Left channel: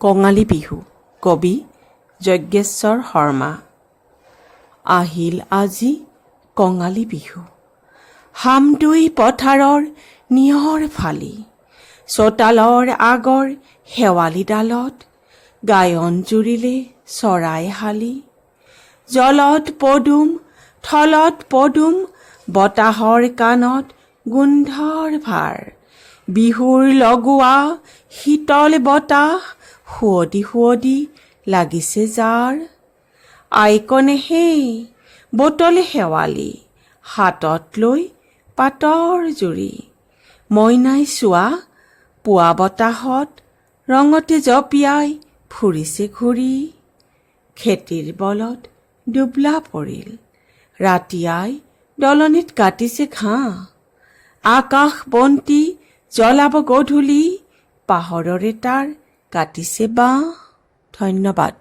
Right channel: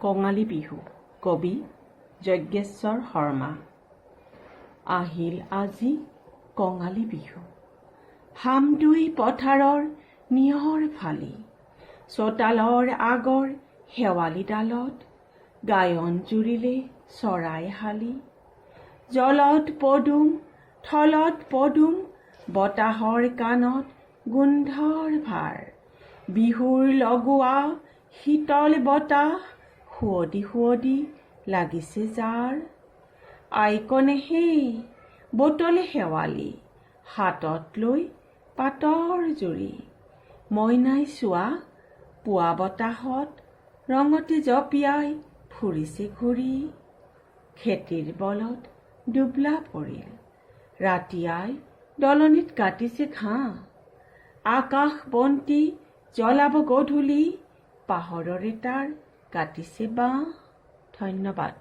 কঙালী বিহু কবি যজ্ঞেশ্বৰ শৰ্মা। আহিল আজি কঙালী বিহু, হামদৈ পথাৰৰ নিয়ৰ ফালি, চোতালৰ আগৰ শেৱালি ডালত গায়ন জুৰিলে চৰাই হালি। জলত পদুম থলত পদুম, বতাহৰ কাণত গোন্ধৰ ভাৰ, বিহুৰ লগোৱা শীতল বতাহ সুৱদি সুৱদি লাগিছে যাৰ। আইকনে হেই বটল শেৱালি, হাতত লৈ পাতৰ জুৰি, মইনাই চোৱা পুৱা বতাহত ৰঙতে জঁপিয়াই ফুৰিছে ঘূৰি। খেতিৰ বলত দুবলা পৰিল, ৰাতি আই দলনিত কাটিছে ঘাঁহ, আকাশ বন্তি জ্বলাব গধূলি, পাহৰৰে তাৰ কাটিছে বাঁহ। ধন্যবাদ।